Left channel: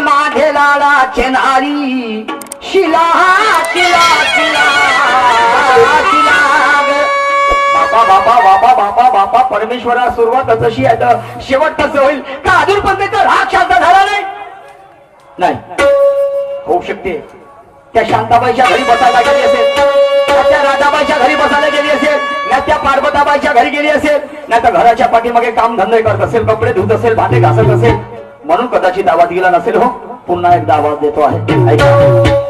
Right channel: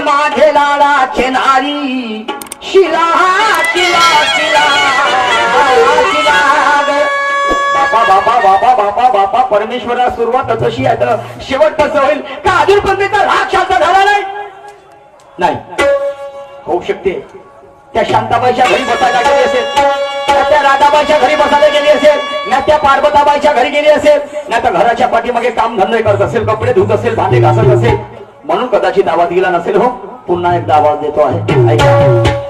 माझे लाडाचे नारी शिला शिला शिला शिला बापा बापा बापा बापा बापा परमेश्वरा सुरुवात अशी आहे तर शेवट कसं होईल का अजून पण त्याचा राग शांत झाला नाही होऊ शकते त्या शांताबाईच्या घरी बसायला गेली असेल ना त्या राधाबाईच्या घरी बसायला गेली असेल ना त्या पार्वताबाईच्या घरी गेली असेल ना त्या घराच्या पाठीमागे काम धंदे करत असेल कपडे धुत असेल भांडे घासत असेल म्हणून कदाचित आवाज गेला नसेल हो पुन्हा एकदा आवाज देतो आहे ऐका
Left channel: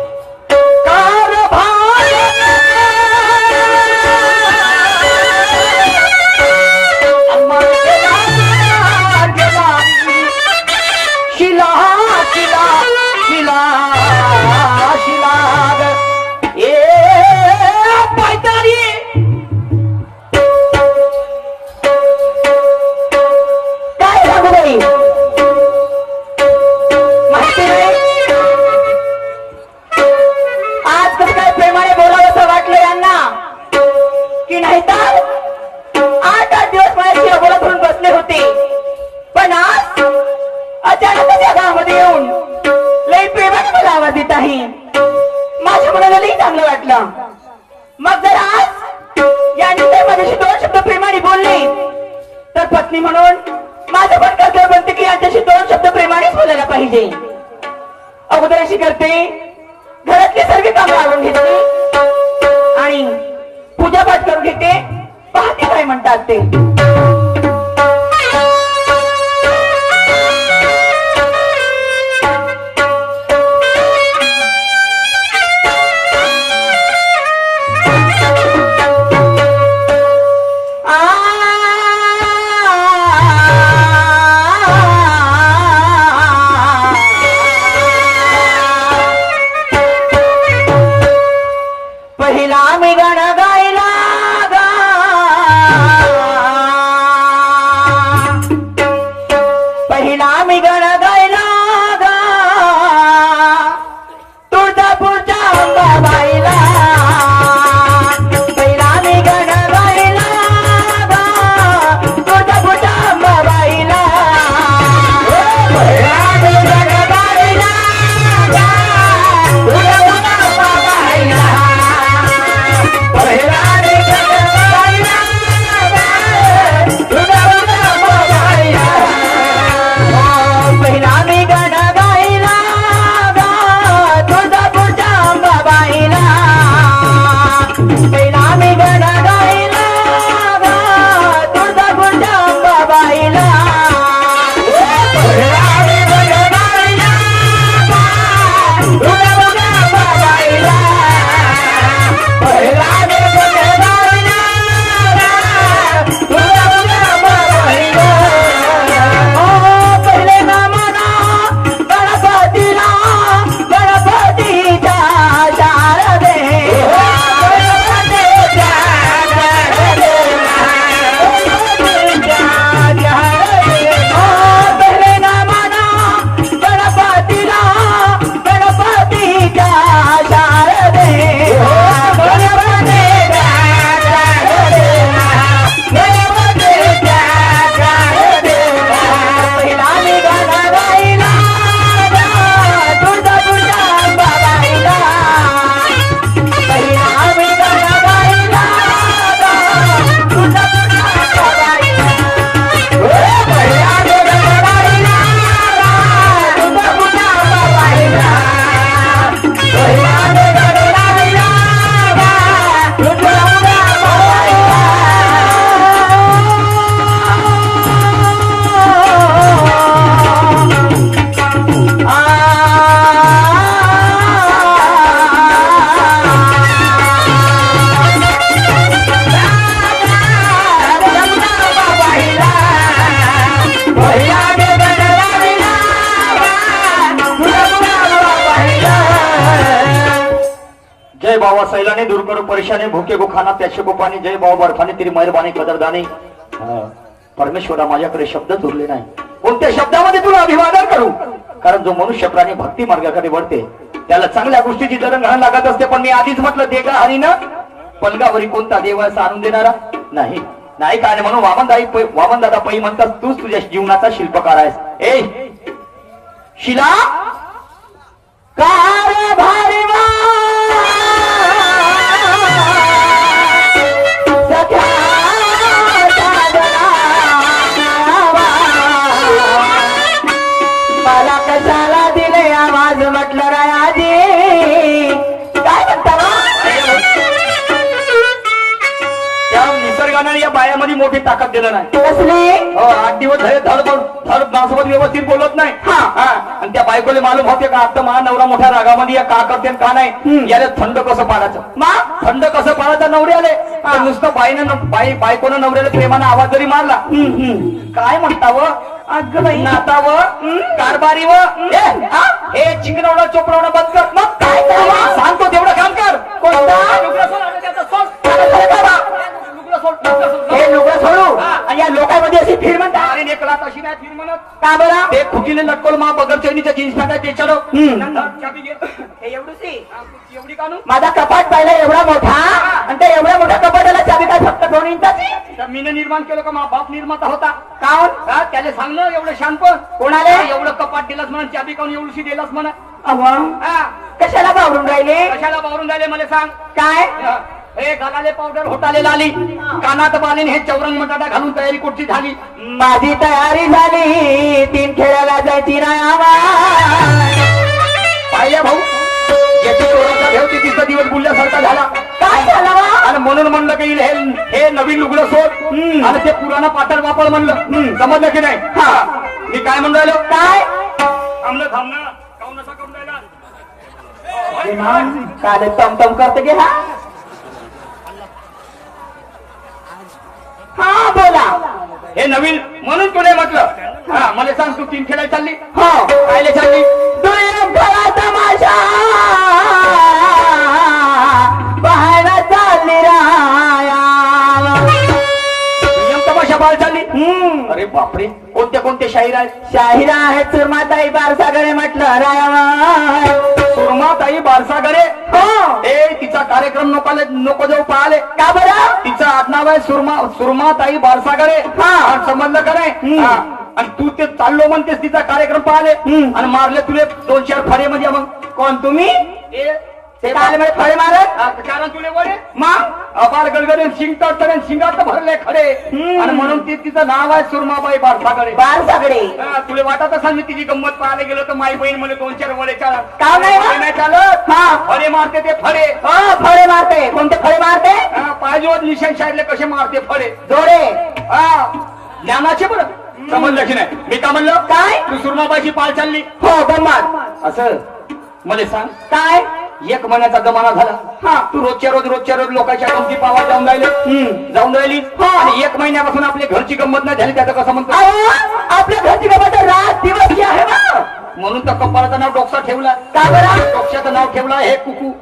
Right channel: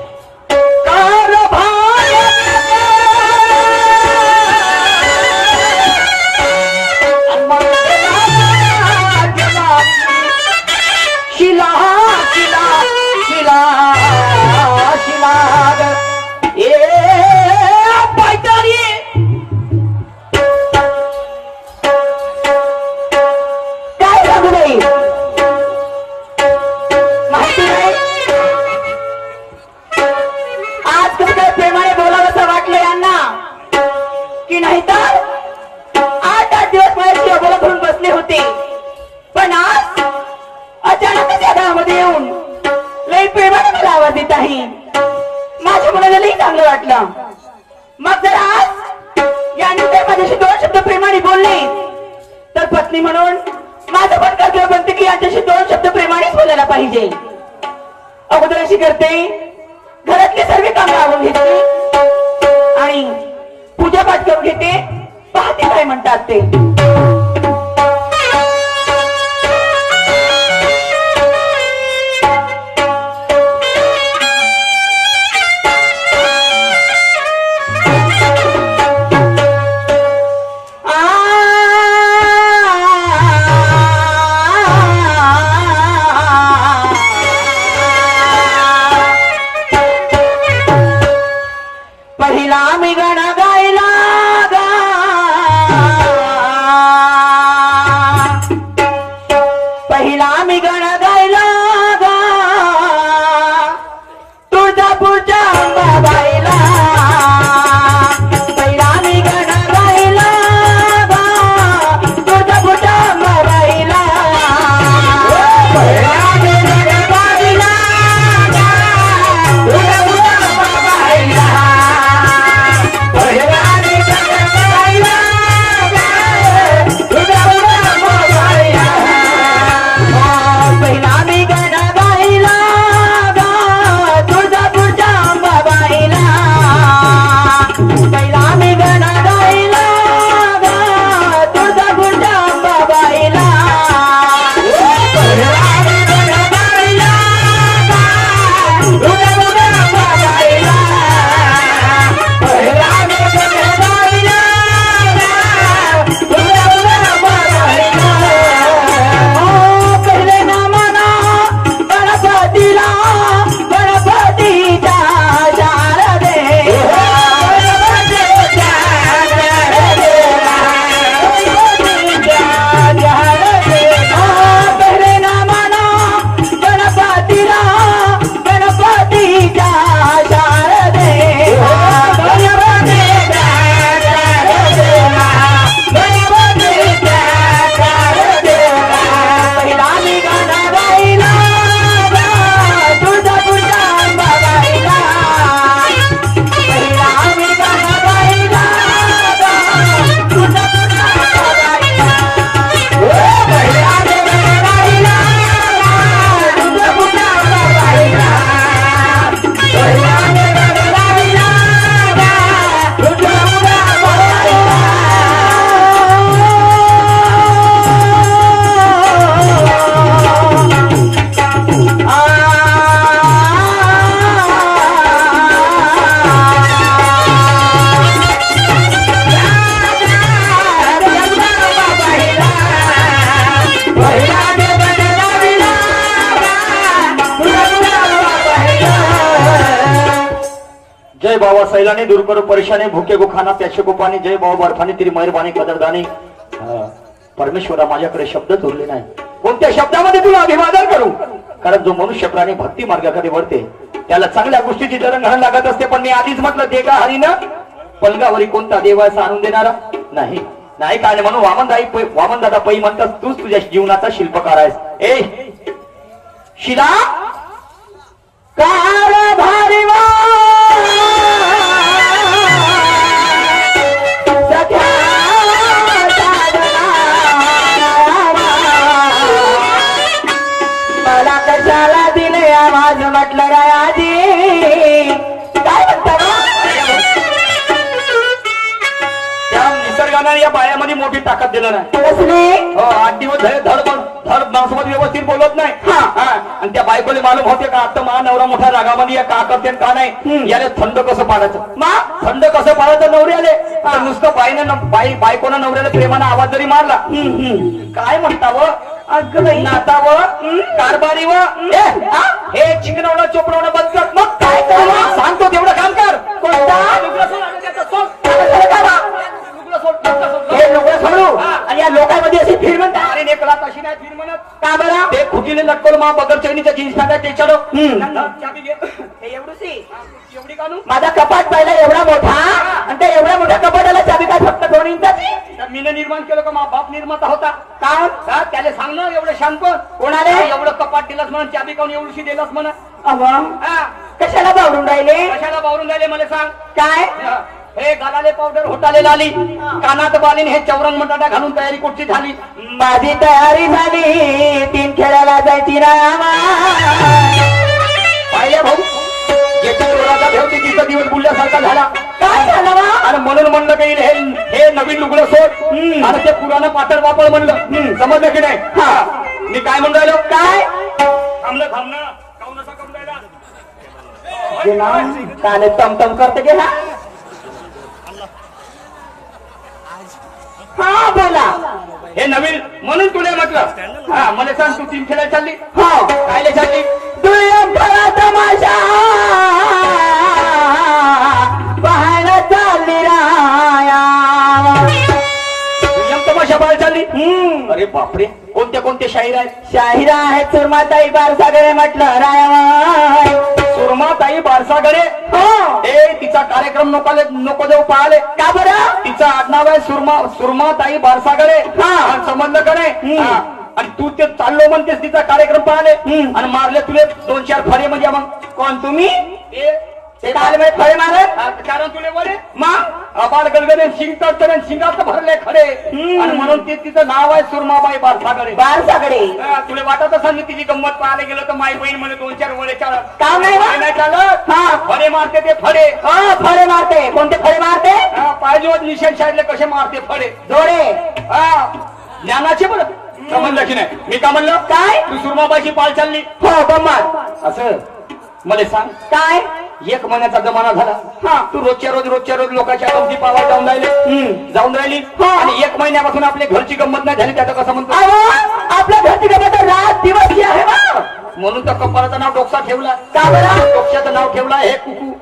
माझ्या मनाला लई चांगलं वाटलं मग जर आज यानंतर माझ्याशी दोन शब्द प्रेमाने बोलले तर पत्नी म्हणून माझं पण कर्तव्य बनते की यांच्याशी दोन शब्द प्रेमानेच बोलायला पाहिजे अगोदर अशी करते घरातली सर्व कामं आवरून घेते आणि पूजापाठ करून घेते पाहते काय म्हणतात ते जय बाबा सैलानी दूर करो परेशानी भूखे को खाना प्यासे को पाणी जय बाबा बर्फानी तेरी मेहरबानी कदरदानी परमेश्वरा माझ्याकडे शब्दच उरले नाही कोणत्या शब्दामध्ये तुला अभिवादन करू कारण जो मनुष्य प्राणी भक्ती मार्गाकडे वळते त्याला चांगल्या गोष्टीची जडणघडण लागत असते पण मी आधीच म्हटलं ते का हरिना पलगावरी कोणता देव असा आणून देणारा नाही नाही काय नाही म्हणून वामन दादा पै म्हणतात तूच तुझ्या जीवनाचा शिल्पकार आहेस. ए शिला कार भारीवा सख्या मला कशाला दिले आवाज म्हटलं रायाजी काय म्हणता त्या निसर्गाने या बायामध्ये मोठी ताकद दिलं नाही. कसली हो 8 दिवस झाले धड माणसासोबत व्यवस्थित बोलत नाही. हा आणि त्या बायकोले मालूम होते का आता मा नवरा मोठ्या रागामध्ये या का करते का नाही. याला थंड कसं पाडायचं थंड कसं पाडायचं नवऱ्याले. नुसतं बायकोनं नवऱ्याला प्रेमानं आवाज जरी मारला काय म्हणतावं अगं बाई नातावं कारभारी व हे चिकनावणं चोपडावणं बंद कर. मग काय करायला सांगतो तेवढं काम कर. हे लोक सोडू आणि या लोकांमध्ये अशी फिर म्हणतात अरे नेकला तशी नाही फिर म्हणत का बरं ते खुटीने लटकल मा बगर चैनीच्या जीन्स पॅन्ट त्याच्यावर एवढी कानू माझा कपाट पाहिला एवढा मोठा आणि त्या एवढ्या मोठ्या कपाटाला चाबी काय फक्त 2 इंचाची मीनं निर्माण केलं का मा बाप निर्माता होता का त्याला सांग ना एवढं शांत कोणाला एवढं कपाट दिलंच म्हणून चाबी काऊन एवढीशी दिलंच म्हणा. कशाला बावडून राहिले कशाला बावरून राहिले मला सांग. काय हे गलाले पावडर होटाले लाली कानात बालीन हे चौरंग मटाटा घालून तयारी कुठची झाली. माझी तयारी झाली 3 खेळायला जायची रामा पाहिजे भाऊ याच्या चोराचा ठेवते तिचा दिवस बुलल्यासारखा झाला. काय झालं आणि म्हणून म्हणलं की हे नवीन लुगडं सोड आणि ते पुराणं पातळ वापळ म्हणलं. समजलं की नाही. मी काय म्हणून राहिलो काय थांबणं काऊन असा करून राहिला. काल तमतम करते गे हा बोला हे नवीन म्हणून तुला म्हटलं. मला सांग तू 3 खेळायला चालली हो कायले चालली. दुय्यम ठरा तमाशा पाहायला चालली राया दुय्यम तमाशा पाहायला चालली. अरे बापरे कोणत्या शाहीर आहेत. शाहिरा आहे सुरमाताई बारसागरे म्हटलं राया सुरमाताई बारसागरे. तिचा कार्यक्रम नको जाऊ पाहिले का बरं तिचं आडनाव आहे सुरमाताई बारसागरे. समजलं का नाही. आणि तू ते चाललो म्हणतेस तिचा कार्यक्रम पाहिले आणि मारले तुले 2-4 फळे म्हणजे मग कोण तुम्ही ते काय फळे मारत कारण तुले वडे मग अबार गडगडे शिंग तर शिंगात भरले खडे आणि म्हणून ते तिचं नाव आहे सुरमाबाई बारसागरे. तुला वाटत असेल मी तिची गंमत पाहायला गेलो तर माई बहीण मला 2-4 वडे चालत का नाही चालत. फळे मारते ते फळे फळे मारते कोणते फळे मारते पाहिजे निशाण शाळेतले कसे मारते फळे दोरे ज्ञानाचे बरं. समजलं की नाही. मी का म्हणलं काय तू सुरमाबाईची पाल चालली हो गंमत असं मला सांग. काय 1 महिन्याचा जमाना झाला. तू रोजच्या रोज लोकांच्या गमती पावा जाऊन राहिली आणि 1 महिन्यापासून आपल्या घरची गंमत नाही झाली त्याचं कसं म्हणतो. आपल्या घरची गंमत रात दिवस जी आहे ना म्हणून तर कपाळाचं नाव डोक्सा ठेवला. का बरं डोक्याचं नाव ठेवला हे कुकू.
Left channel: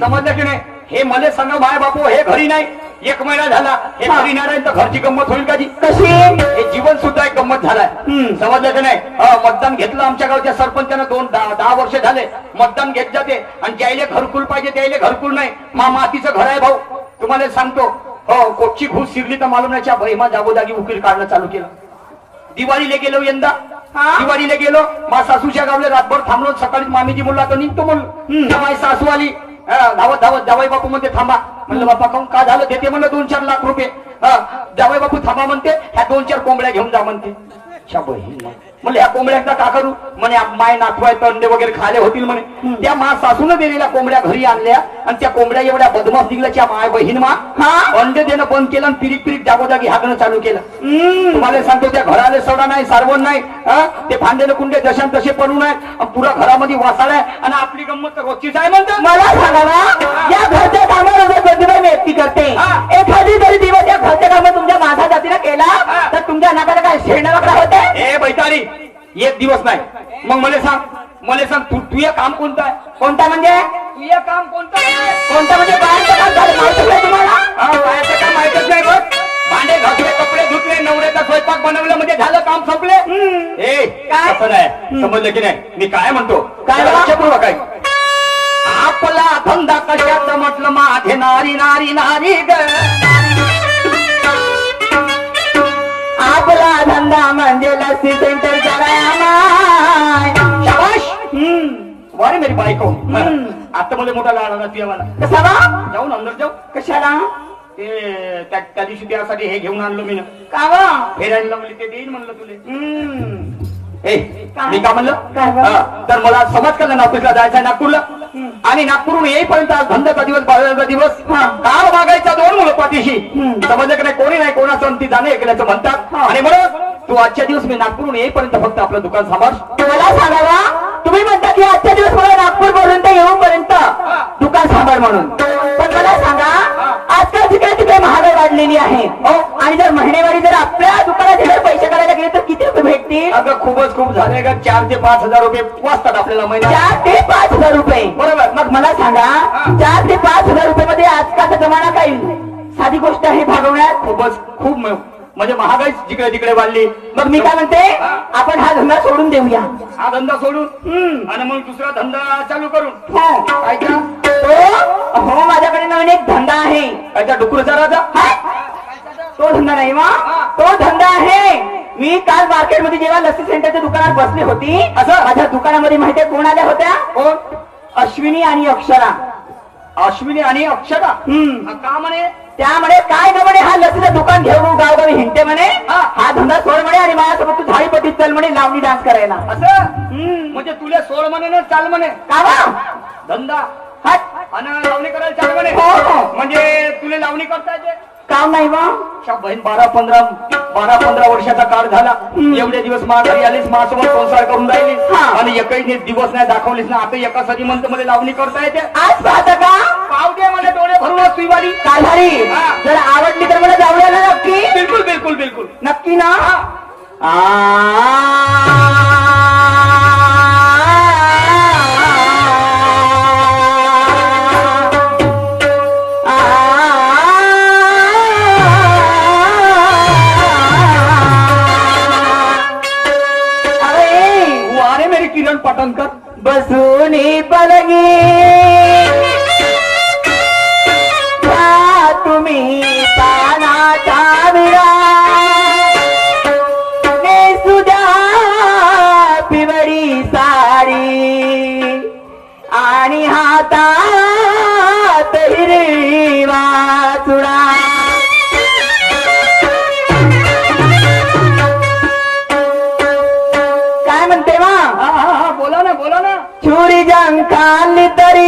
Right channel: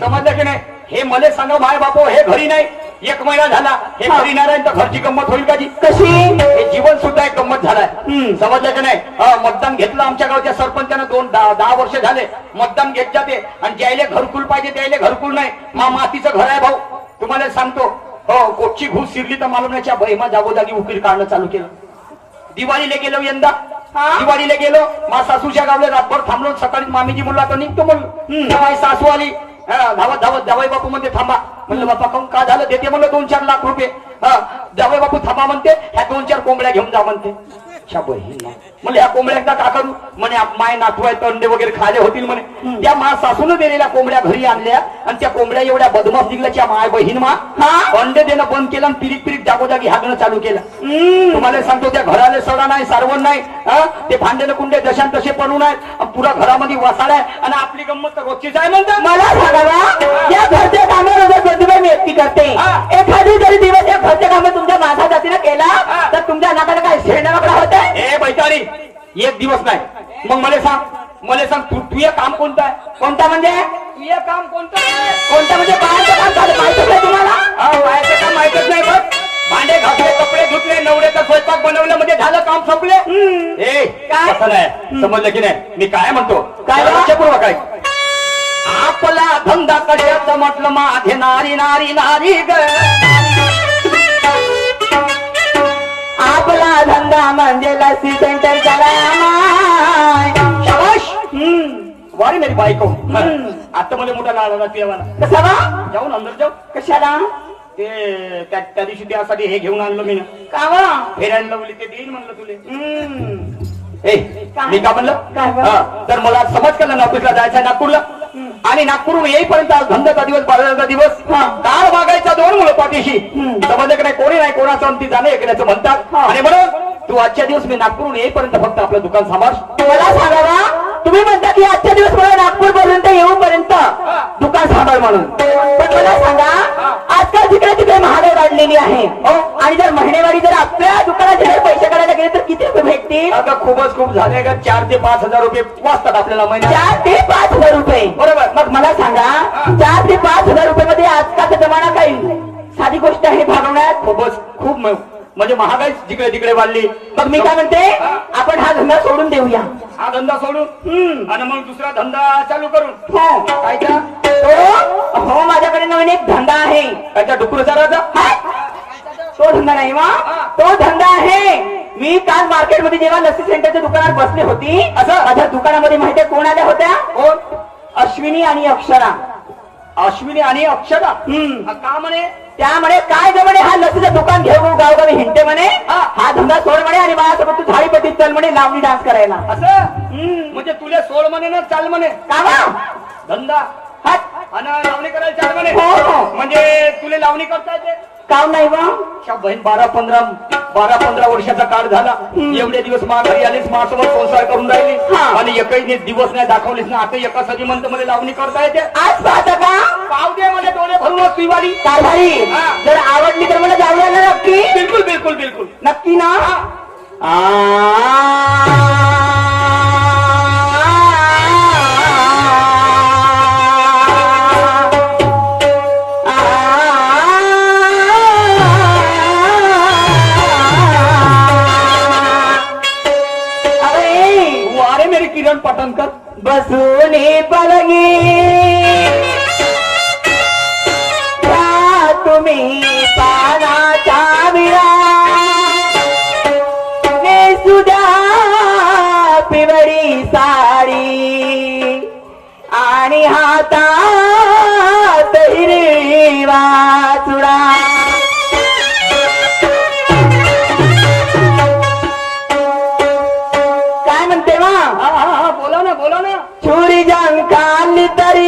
समजलं की नाही. हे मला सांगा माय बापो हे घरी नाही 1 महिना झाला हे घरी नाही तर घरची गंमत होईल का जी कशी हे जीवन सुद्धा एक गंमत झालाय. समजलं की नाही. मतदान घेतलं आमच्या गावच्या सरपंचानं 10 वर्ष झाले मतदान घेत जाते आणि ज्यायले घरकुल पाहिजे त्याला घरकुल नाही. मातीचं घर आहे भाऊ तुम्हाला सांगतो. हो कोटची घुस शिरली तर मालूमच्या भैमा जागोजागी उकील काढणं चालू केलं. दिवाळीला गेलो यंदा दिवाळीला गेलो मा सासूच्या गावला रातभर थांबलो. सकाळी मामीजी बोलला तर निघतो म्हणून माझी सासू आली धावत जावई बापू म्हणते थांबा. म्हणलं बापा काऊन का झालं देते म्हणलं 2-4 लाख रुपये. जावई बापू थांबा म्हणते ह्या 2-4 कोंबड्या घेऊन जा म्हणते. म्हणलं ह्या कोंबड्या एकदा का करू म्हणे माय नातू आहे तर अंडे वगैरे खाले होतील म्हणे. त्या मा सासून दिलेल्या कोंबड्या घरी आणल्या आणि त्या कोंबड्या एवढ्या बदमाश निघल्याच्या माय बहीण अंडे देणं बंद केलं आणि पिरीक जागोजागी हागणं चालू केलं. तुम्हाला सांगतो त्या घराला सडा नाही सारवण नाही. ते भांड्याने कुंडे जशान तसे पडून आहेत पुरा घरामध्ये वासाड आहे आणि आपली गंमत तर रोजचीच आहे म्हणतात. मला सांगा या घरच्या कामामध्ये प्रतिभा मी एकटी करते. एखादी जरी दिवस या घरच्या कामात तुमच्या माझा जातीनं केला तर तुमच्या नाकाला काय शेणाला होते. ए बैतारी 1 दिवस नाही. मग मला सांग तू हे काम कोणतं आहे. कोणता म्हणजे तू हे काम कोणतं आहे. कोणता म्हणजे बाहेरचं काम झालं माहिती नाही तुम्हाला. बाहेरचं काम माहितच नाही बघ. भांडे घासले कपडे धुतले नवऱ्याचा स्वयंपाक बनवलं म्हणजे झालं काम संपले. काय असं नाही. समजलं की नाही. मी काय म्हणतो काय पूर्व काय आपला धंदा कशाचा म्हटलं माझे नारी नारी नारी ग म्हणजे लस्सी सेंटर झालाय आमाय. शाबाश वारे मेरी बायको हम्म. आता मला मोठा लाड आला तुझ्या मला कशाला जाऊन अंदर जाऊ कशाला ते त्या दिवशी त्यासाठी हे घेऊन आणलो मी ना कावा फेरायला लावली ते देईन म्हणलं तुले हम्म. ए मी का म्हणलं काय बा? हा, तर मला आज समज कळलं नागपूरला जायचं नागपूरला आणि नागपूरहून येईपर्यंत आज धंद्याचा दिवस बाजाराचा दिवस कार मागायच्या 2 मुलं पाठीशी समजलं की नाही कोणी नाही कोणाचं ती जाणे ऐकण्याचं म्हणतात आणि म्हणून तू आजच्या दिवस मी नागपूरहून येईपर्यंत फक्त आपलं दुकान सांभाळ मला सांगा तुम्ही म्हणता की आजच्या दिवस मला नागपूर पर्यंत येऊपर्यंत दुकान सांभाळ म्हणून पण मला सांगा आजकाल तिकडे तिकडे महागाई वाढलेली आहे आणि जर महिनेवारी जर आपल्या दुकानात जर पैसे काढायला गेले तर किती रुपये भेटतील अगं खूप झाले का 4 ते 5 हजार रुपये वाचतात आपल्याला महिन्यात 4 ते 5 हजार रुपये बरोबर मग मला सांगा 4 ते 5 हजार रुपये मध्ये आजकालचा जमाना काही साधी गोष्ट आहे भागवण्यात खूप म्हणजे महागाई जिकडे तिकडे वाढली मग मी काय म्हणते आपण हा धंदा सोडून देऊया हा धंदा सोडून आणि मग दुसरा धंदा चालू करून हो काय का हो माझ्याकडे नवीन एक धंदा आहे काय त्या डुकर चाराचा तो धंदा नाही मग तो धंदा आहे मी काल मार्केटमध्ये जेव्हा लस्सी सेंटरच्या दुकानात बसली होती असं? माझ्या दुकानामध्ये माहितीये कोण आल्या होत्या कोण अश्विनी आणि अक्षरा अश्विनी आणि अक्षरा हम्म. हा, का म्हणे त्यामुळे काय ग म्हणे हा लसीचं दुकान घेऊन गावगावी हिंडते म्हणे हा धंदा सोड म्हणे आणि माझ्यासोबत तू झाडीपट्टीत चल म्हणे लावणी डान्स करायला असं म्हणजे तुला सोड म्हणे ना चाल म्हणे का धंदा हट. आणि लावणी करायला चाल म्हणे हो. म्हणजे तुला लावणी करता येते काम नाही मग अच्छा, बहीण 12-15 वर्षाचा काळ झाला एवढे दिवस मा घरी आलीस माझ्यासोबत संसार करून राहिली आणि एकही दिवस नाही दाखवलीस ना आता एकासाठी म्हणतो मला लावणी करता येते आज पाहता का पाव दे मला डोळे भरून सुईवाली काय झाली जर आवडली तर मला जाऊया ना नक्की बिलकुल नक्की ना वारे मेरी किरण पटणकर बसूनी पलगी तुम्ही पानाचा विरा सुद्धा पिवळी साडी आणि हातात हिरवा चुडा काय म्हणते मग हा बोला ना चोरी जाण खाल्ली तरी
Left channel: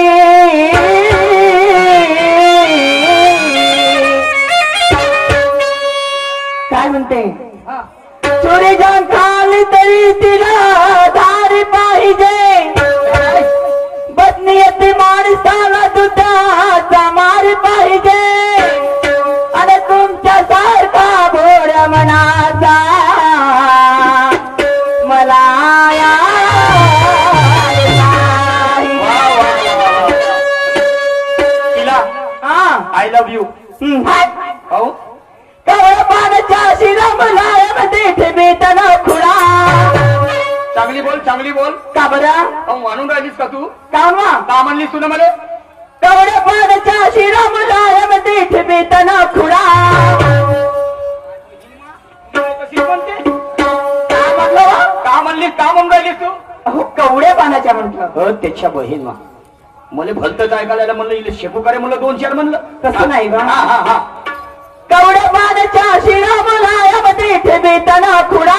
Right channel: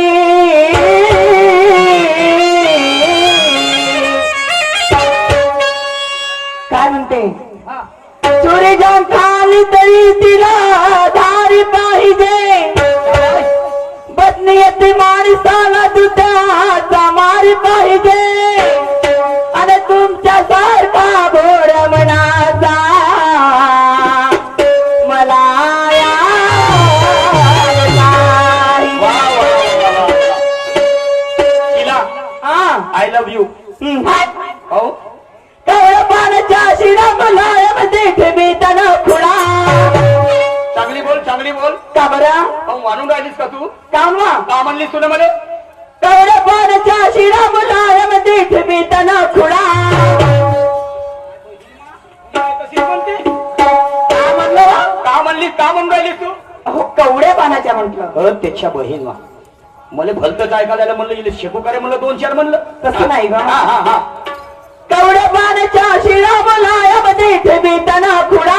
काय म्हणते चोरी जाण खाल्ली तरी तिला धारी पाहिजे बदनीयती माणसाला दुधाचा मारी पाहिजे आणि तुमच्या सारखा घोड मनाचा मला आय लव्ह यू हो पाण्याच्या शिरामलायमध्ये ठेवीतना खुणा चांगली बोल का बरं मग मानून राहिलीस का तू कामा का म्हणलीस तुला मला तेवढ्या पाण्याच्या शिरामलायमध्ये ठेवीतना खुणा कशी म्हणते का म्हणलं का म्हणून राहिलीस तू अहो कवड्या पाण्याच्या म्हटलं त्याच्या बहीण मला भलतच ऐकायला म्हणलं इले शेपू करे म्हणलं 2-4 म्हणलं तसं नाही बा. हा कवड्या पाण्याच्या शिरामलायमध्ये ठेवीतना खुणा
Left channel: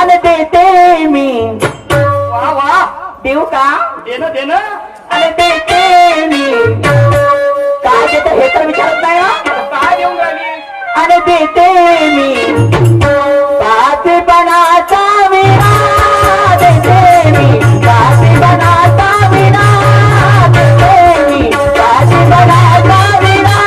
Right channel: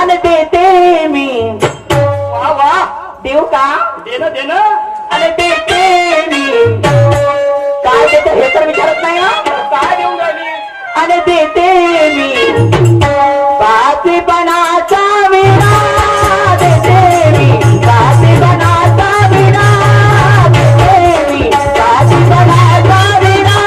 आणि देते मी वा देऊ का दे ना आणि देते मी काय देते हे तर विचारत नाही ना काय देऊन राहिली आणि देते मी पाचपणाचा विना देते मी पाचपणाचा विना देते मी पाचपणाचा विना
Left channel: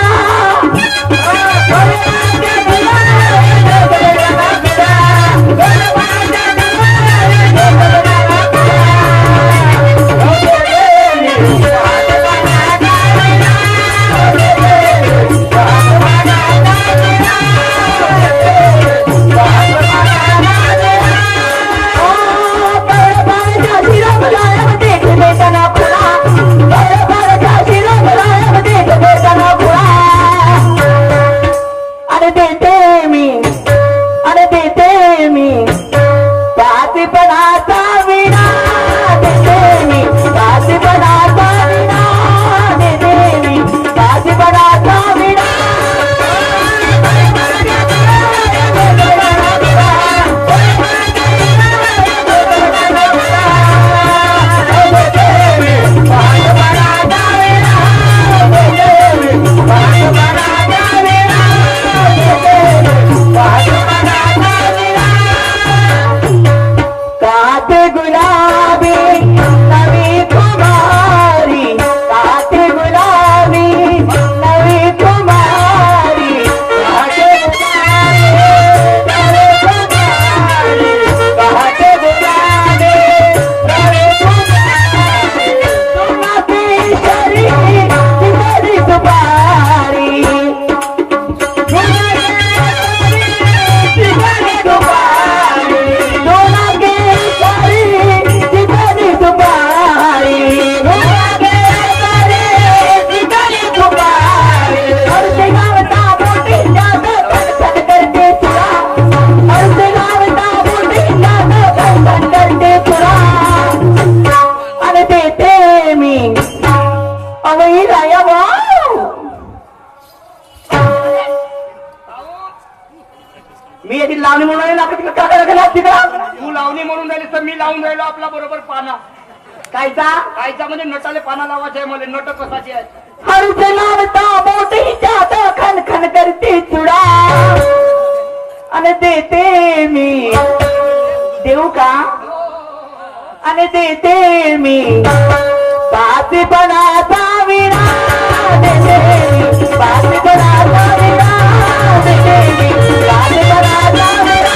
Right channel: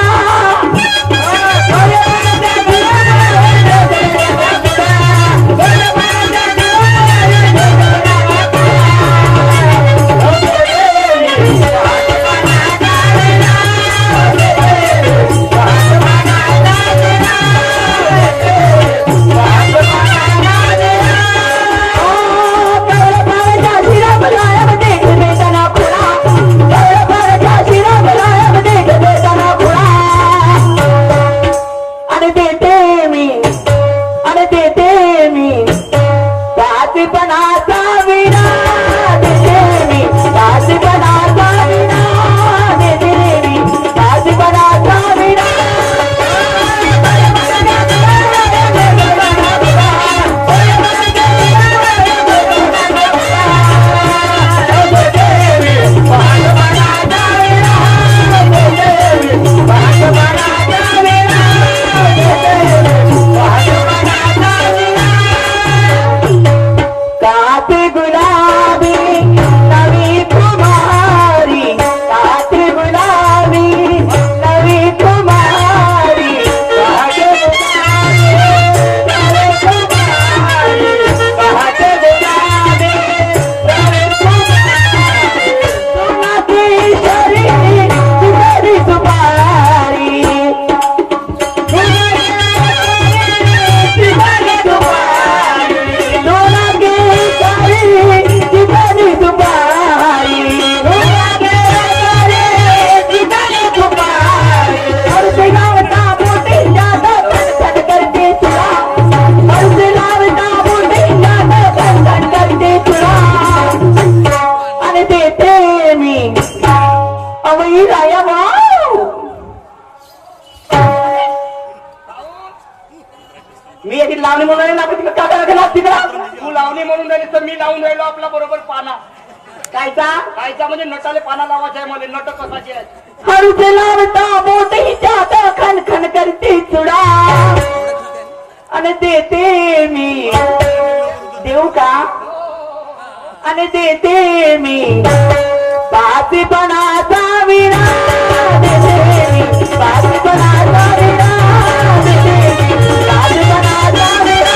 आणि देते मी पाचपणाचा विना देते मी पाचपणाचा विना देते मी पाचपणाचा विना मी याची लावणी म्हणून राहिली आपण तिकडे काय करायला तिकडे तू लावणी म्हणून राहिली तर मी लावून राहिलो आपला बरोबर पाना. कायचा कायचा म्हणजे नटाले पाना लावायचा आहे मला. नट कसाची आहे हळूचे लावता बोटीच्या आता खन खन करते चुडा आणि देते मी देऊ का आणि देते मी पाचपणाचा विना देते मी पाचपणाचा विना देते मी पाचपणाचा विना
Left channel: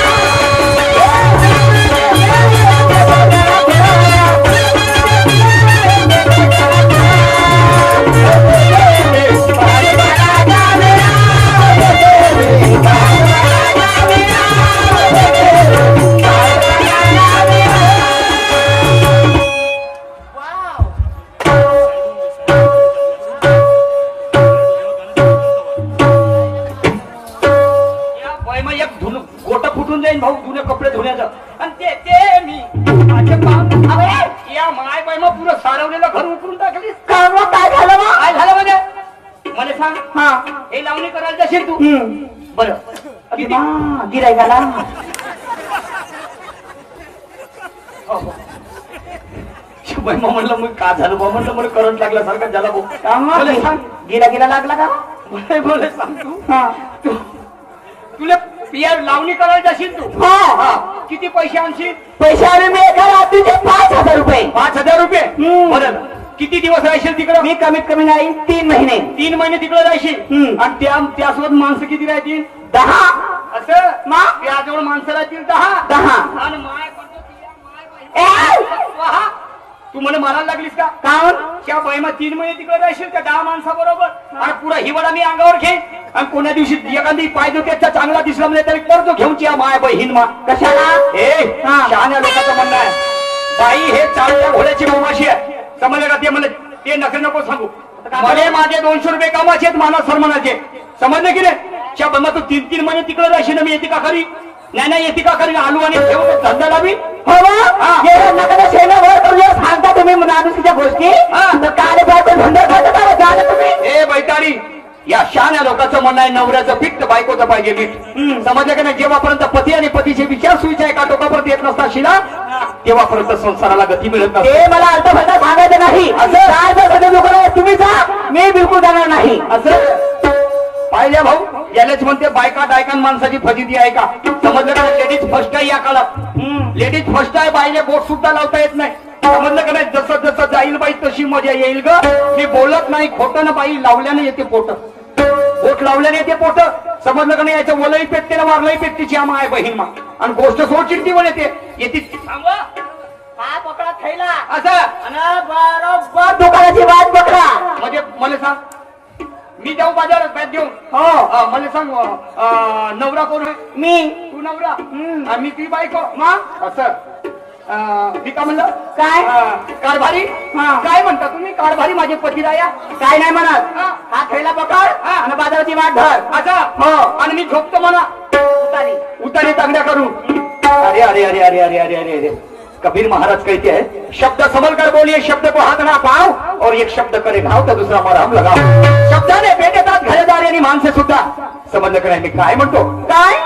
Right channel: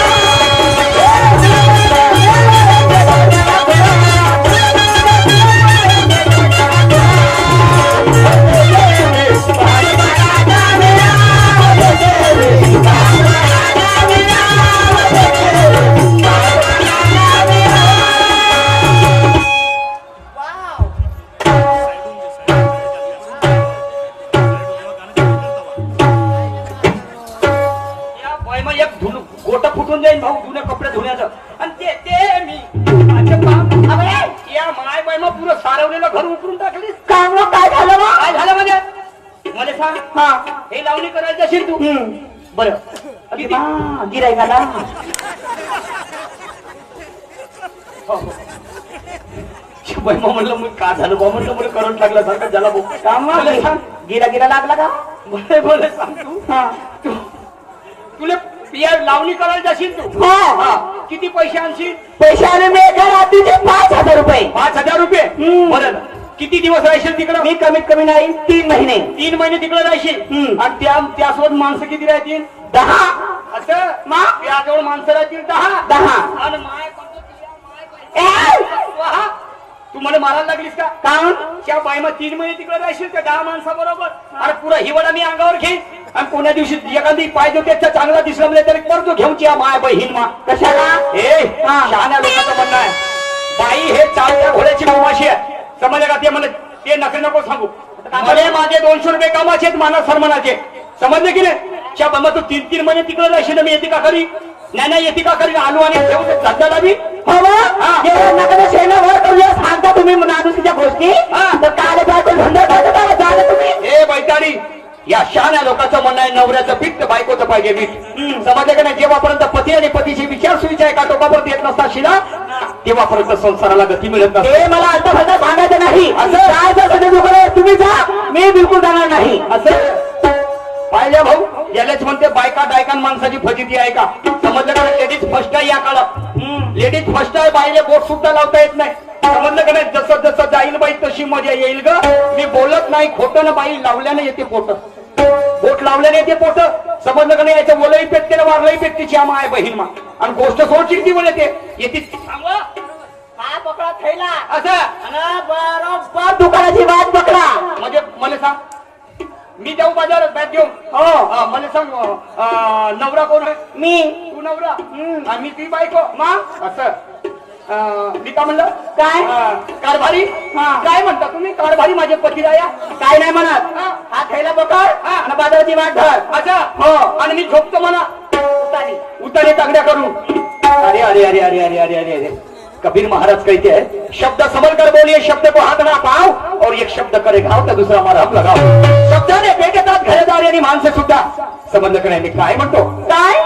गोट फुटून जाईन भाऊ जुने कपडे धुण्याचं. आणि ते मी या माय बाय मग पुरं सारवलेलं घर उकरून टाकलीस. काय झालं मग? काय झालं म्हणजे मला सांग. हा हे लावणी करायचं असेल तू बरं किती गिरायकाला बाई मग म्हणलं मग का झालं बा म्हणलं बरं करंट लागल्यासारखं ज्याला मला सांग. गिरा लागला का बोले सांग तू. तुला पिया लावणी करायला जाशील तू. हा किती पैसे आणशील. पैसे आले मी एका रात्रीचे 5,000 रुपये. 5,000 रुपये. बरं किती दिवस राहशील तिकडं. मी कमीत कमी नाही 3 महिने. 3 महिने तिकडे राहशील. आणि त्यासोबत माणसं किती राहतील. 10. असं मग याजवळ माणसं राहतील 10. आणि माय तू मला मारायला लागलीस का. काऊन त्या बाई मग 3 महिने तिकडे राहशील त्या 10 माणसाबरोबर. आणि पुरा हिवाळा मी अंगावर घे. आणि कोण्या दिवशी एखादी पाहिजे त्याचा चांगला दिसला म्हणजे तरी करतो घेऊनची माय बहीण मा. कशाला हे शहाण्या लोकांचं म्हणणं आहे बाई हे चालत्या घोड्याची उमाशी आहे. समजलं का. ते मला ते नका नको सांगू. मला माझे 200 रुपये कामाचे आहेत माना सरमनाचे. समजलं की नाही. त्या बंद तू 3 महिने तिकडे राहशील मी येते का खरी. नाही येते का खरी. आलू आणि ठेवू धंदा लावी. सांगता तुम्ही माणुसकीच्या गोष्टी काले पाहते धंदा करता तुम्ही. हे बैताडी या शहाण्या लोकांचं म्हणणं आहे नवऱ्याचं पीठ तर बायकोचं पाहिजे पीठ. समजलं का नाही. जेव्हापर्यंत पती आणि पतीचे विचार सुविचार आहे का टोकापर्यंत येत नसता शिला तेव्हापर्यंत संसाराला गती मिळत नसते. हे मला अर्थफलता सांगायचं नाही. असं काय तुम्ही जा मी बिलकुल जाणार नाही. असं पाहिजे भाऊ. यालाच म्हणते बायका डायकान माणसाची फजिती आहे का. समजलं का. लेडीज फर्स्ट आहे या काळात. लेडीज फर्स्ट आहे. बाईले बोट सुद्धा लावता येत नाही. समजलं का नाही. जसं जसं जाईल बाई तशी मजा येईल ग. मी बोलत नाही खोटं ना. बाई लावल्यानं येते पोट. बोट लावल्याने येते पोट. समजलं का नाही. याच्या वलही पेटते ना वारलंही पेटतेची आम्हा आहे बहीण मा. आणि गोष्ट सोड चिडती पण येते हा पकडा थैला असं बरोबर दुकानाची वाट पकडा. म्हणजे मला सांग मी जाऊ बाजारात बॅट देऊन. हो मला सांग नवरा कोण आहे. मी तू नवरा आणि मी ती बायको. मग असं मी का म्हणलं काय कारभारी. काय म्हणता तुम्ही कारभारी माझे पती राया. काय नाही म्हणत. हा थैला पकड आणि बाजाराची वाट धर. अच्छा हो. आणि मी झोपतो म्हणा. भारी. उतारे तगड्या करू. अरे अरे अरे अरे अरे अरे अरे अरे कबीर महाराज कहते हैं शब्द संभल कर बोलिए, शब्द को हाथ ना पाव, और एक शब्द करे घाव तर दुसरा मारा हम लगाव. शब्दाने भेटतात घरदार आणि माणसे सुद्धा. समजलं का नाही मी काय म्हणतो? काय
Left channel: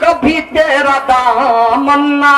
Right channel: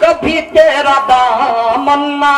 कभी तेरा दामन ना